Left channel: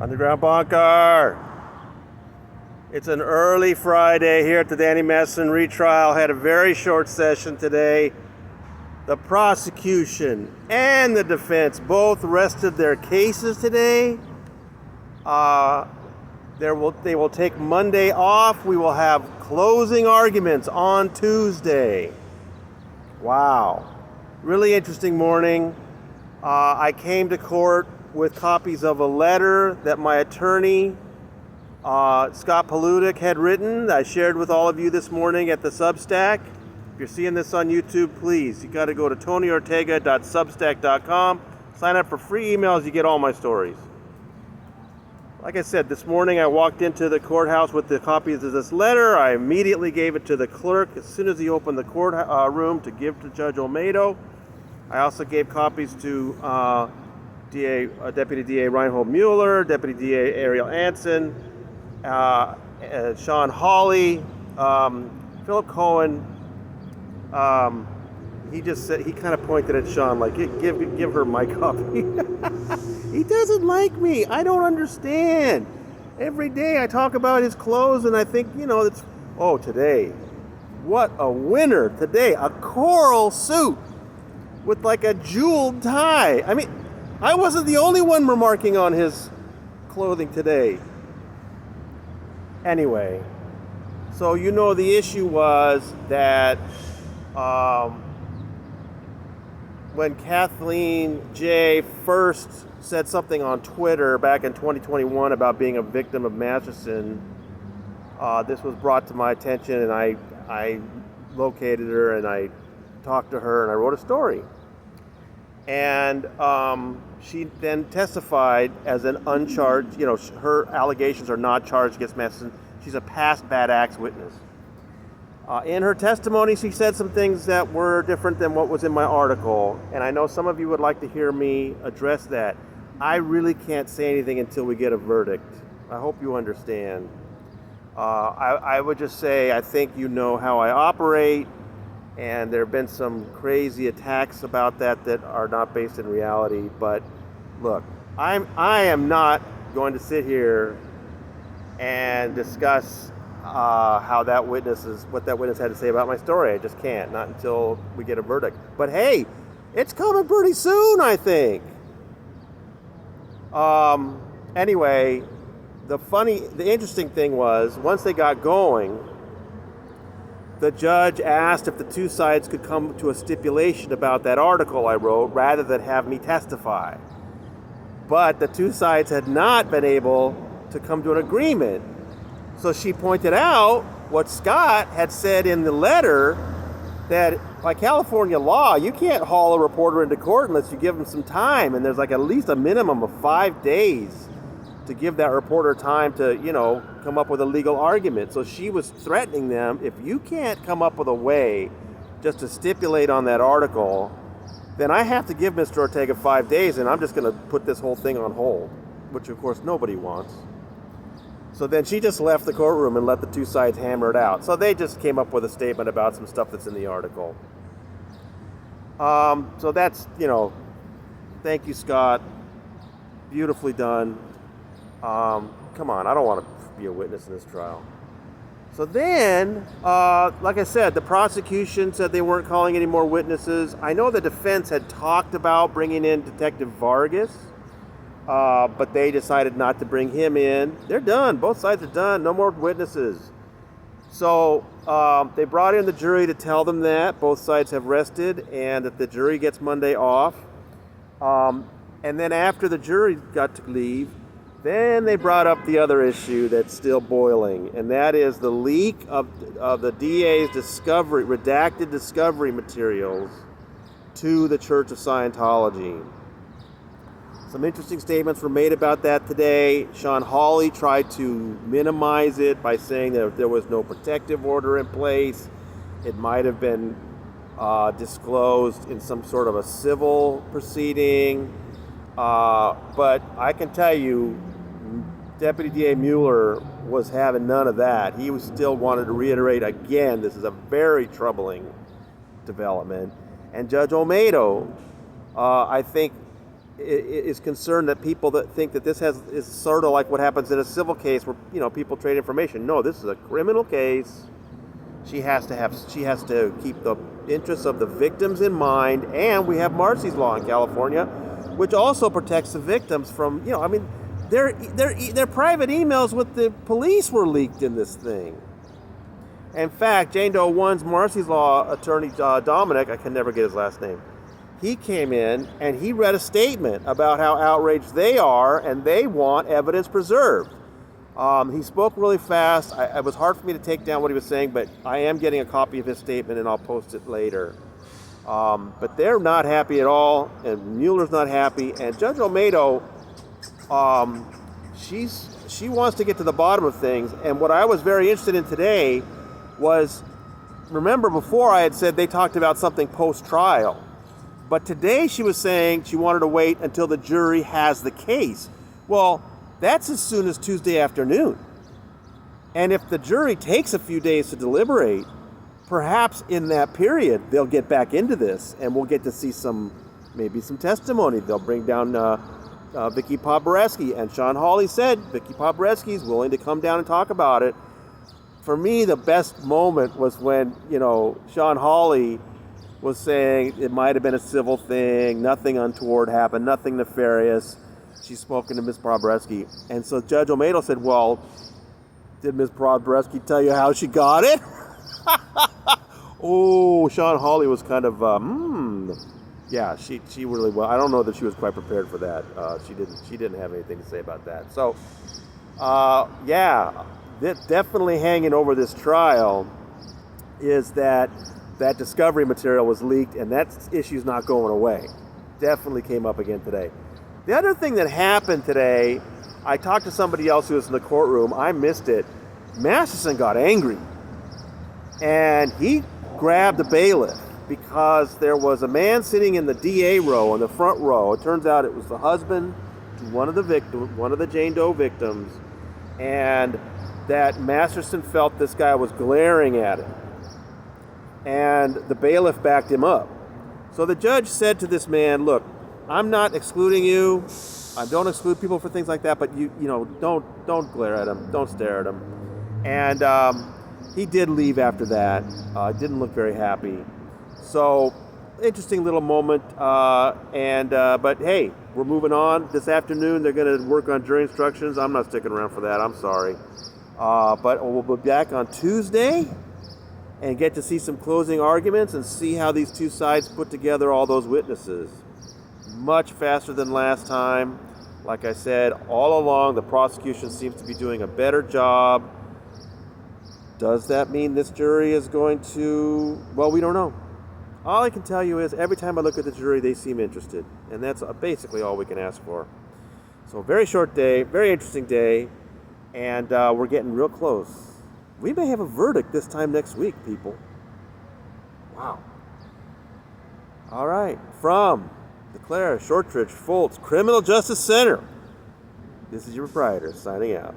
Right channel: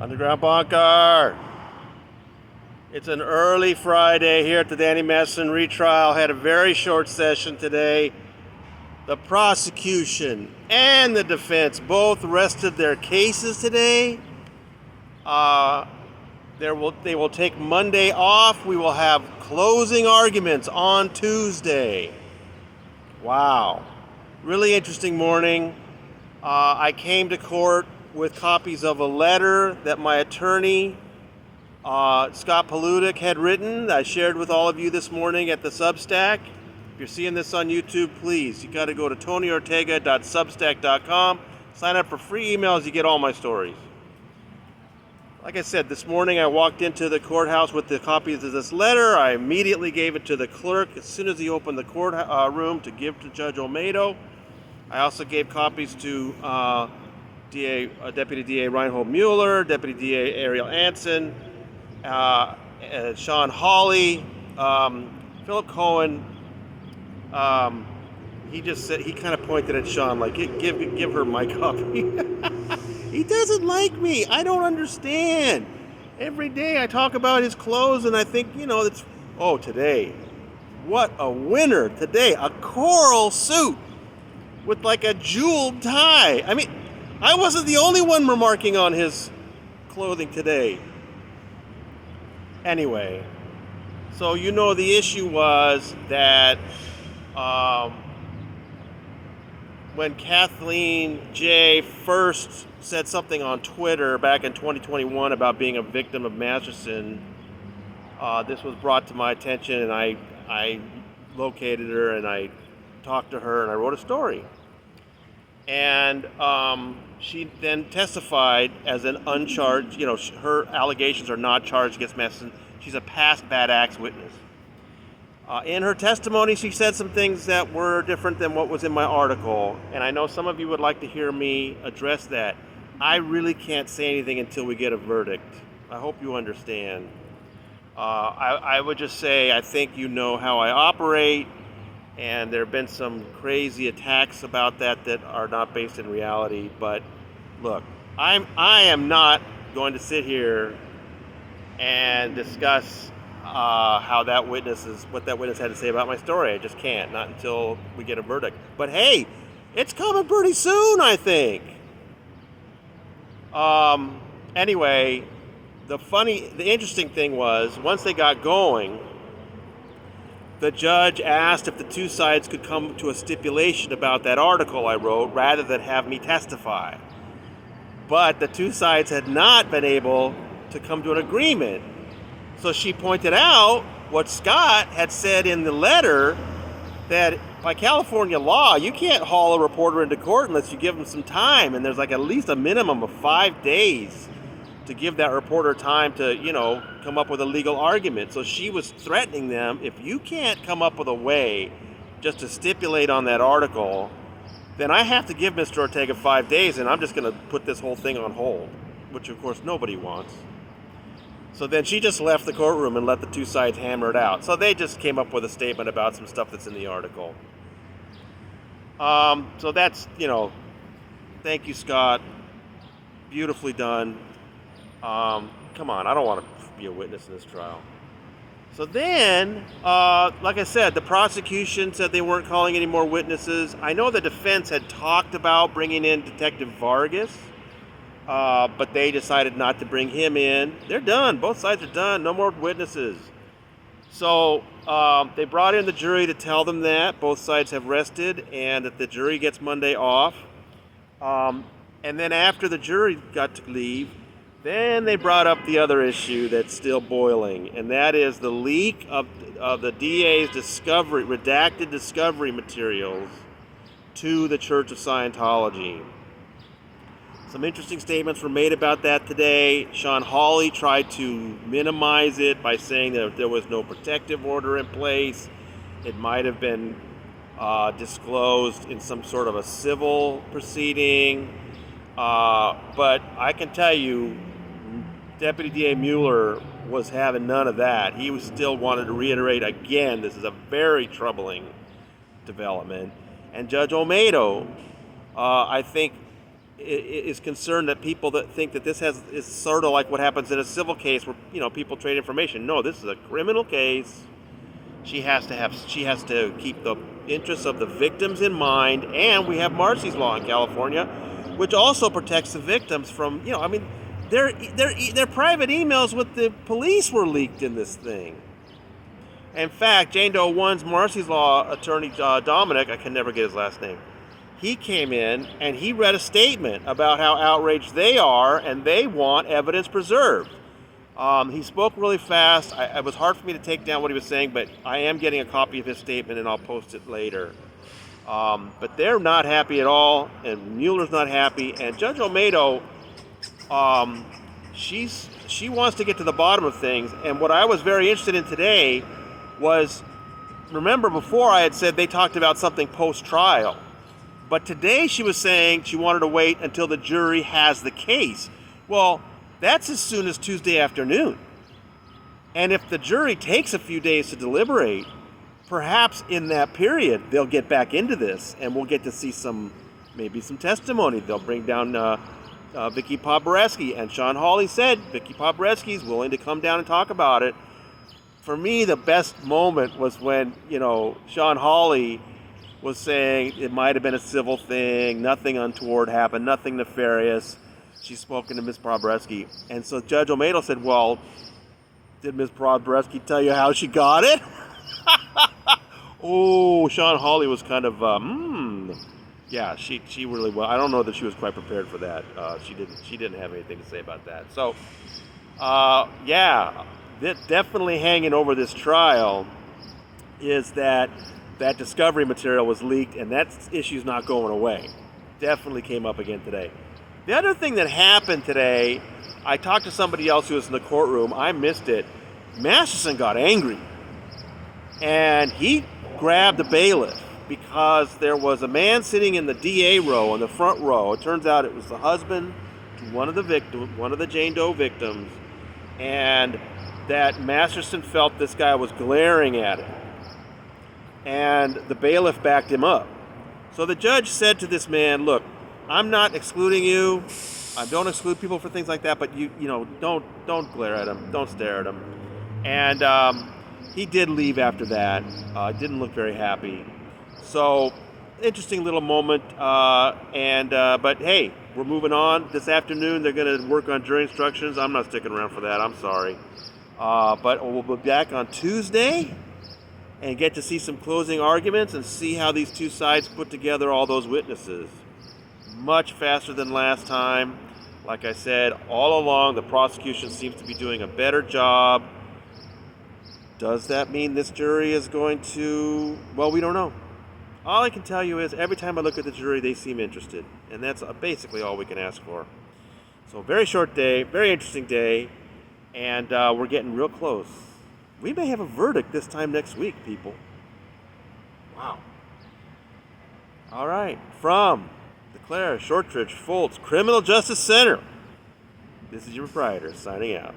Underground Bunker. It's an early Friday here at the Danny Masterson retrial. Had a very short session today. The prosecution and the defense both rested their cases today. They will take Monday off. We will have closing arguments on Tuesday. Wow. Really interesting morning. I came to court with copies of a letter that my attorney, Scott Paludic, had written. I shared with all of you this morning at the Substack. If you're seeing this on YouTube, please, you got to go to tonyortega.substack.com. Sign up for free emails. You get all my stories. Like I said, this morning I walked into the courthouse with the copies of this letter. I immediately gave it to the clerk as soon as he opened the court room to give to Judge Olmedo. I also gave copies to Deputy DA Reinhold Mueller, Deputy DA Ariel Anson, Sean Hawley, Philip Cohen. He just said, he kind of pointed at Sean like, give her my copy. He doesn't like me. I don't understand. Every day I talk about his clothes and I think, it's, today. What a winner today. A coral suit with like a jeweled tie. I mean, I wasn't the only one remarking on his clothing today. Anyway, so the issue was that when Kathleen J. first said something on Twitter back in 2021 about being a victim of Masterson, this was brought to my attention, and I located her and I talked to her and I wrote a story. And she then testified as an uncharged, her allegations are not charged against Masterson. She's a past bad acts witness. In her testimony, she said some things that were different than what was in my article, and I know some of you would like to hear me address that. I really can't say anything until we get a verdict. I hope you understand. I would just say I think you know how I operate, and there have been some crazy attacks about that are not based in reality. But look, I am not going to sit here and discuss what that witness had to say about my story. I just can't, not until we get a verdict. But hey, it's coming pretty soon, I think. Anyway, the interesting thing was, once they got going, the judge asked if the two sides could come to a stipulation about that article I wrote rather than have me testify. But the two sides had not been able to come to an agreement. So she pointed out what Scott had said in the letter, that by California law, you can't haul a reporter into court unless you give them some time. And there's like at least a minimum of 5 days to give that reporter time to, come up with a legal argument. So she was threatening them, if you can't come up with a way just to stipulate on that article, then I have to give Mr. Ortega 5 days, and I'm just going to put this whole thing on hold, which of course nobody wants. So then she just left the courtroom and let the two sides hammer it out. So they just came up with a statement about some stuff that's in the article. So that's, thank you, Scott. Beautifully done. Come on, I don't want to be a witness in this trial. So then, like I said, the prosecution said they weren't calling any more witnesses. I know the defense had talked about bringing in Detective Vargas, but they decided not to bring him in. They're done. Both sides are done. No more witnesses. So they brought in the jury to tell them that both sides have rested and that the jury gets Monday off. And then after the jury got to leave, then they brought up the other issue that's still boiling, and that is the leak of the DA's redacted discovery materials to the Church of Scientology. Some interesting statements were made about that today. Sean Hawley tried to minimize it by saying that if there was no protective order in place, it might have been disclosed in some sort of a civil proceeding. But I can tell you, Deputy DA Mueller was having none of that. He was still wanted to reiterate again, this is a very troubling development. And Judge Olmedo, I think, is concerned that people that think that this is sort of like what happens in a civil case where people trade information. No, this is a criminal case. She has to keep the interests of the victims in mind, and we have Marcy's Law in California, which also protects the victims from their private emails with the police were leaked in this thing. In fact, Jane Doe 1's Marcy's Law attorney Dominic, I can never get his last name, he came in and he read a statement about how outraged they are and they want evidence preserved. He spoke really fast. It was hard for me to take down what he was saying, but I am getting a copy of his statement and I'll post it later. But they're not happy at all, and Mueller's not happy, and Judge Olmedo, she wants to get to the bottom of things. And what I was very interested in today was, remember before I had said they talked about something post-trial, but today she was saying she wanted to wait until the jury has the case. Well, that's as soon as Tuesday afternoon. And if the jury takes a few days to deliberate, perhaps in that period they'll get back into this and we'll get to see maybe some testimony. They'll bring down Vicky Pobreski, and Sean Hawley said Vicky Pobreski is willing to come down and talk about it. For me, the best moment was when Sean Hawley was saying it might have been a civil thing, nothing untoward happened, nothing nefarious. She's spoken to Ms. Pobreski. And so Judge Olmedo said, well, did Ms. Pobreski tell you how she got it? Oh, Sean Hawley was kind of, yeah, she really was. I don't know that she was quite prepared for that. She didn't have anything to say about that. So, yeah, definitely hanging over this trial is that discovery material was leaked, and that issue's not going away. Definitely came up again today. The other thing that happened today, I talked to somebody else who was in the courtroom. I missed it. Masterson got angry, and he grabbed the bailiff because there was a man sitting in the DA row, in the front row. It turns out it was the husband to one of the Jane Doe victims, and that Masterson felt this guy was glaring at him, and the bailiff backed him up. So the judge said to this man, look, I'm not excluding you. I don't exclude people for things like that, but don't glare at him, don't stare at him. And he did leave after that. Didn't look very happy. So interesting little moment. But hey, we're moving on. This afternoon they're going to work on jury instructions. I'm not sticking around for that. I'm sorry. But we'll be back on Tuesday and get to see some closing arguments and see how these two sides put together all those witnesses. Much faster than last time. Like I said, all along, the prosecution seems to be doing a better job. Does that mean this jury is going to... Well, we don't know. All I can tell you is every time I look at the jury, they seem interested. And that's basically all we can ask for. So very short day, very interesting day. And we're getting real close. We may have a verdict this time next week, people. Wow. All right. From the Clara Shortridge Foltz Criminal Justice Center, this is your proprietor signing out.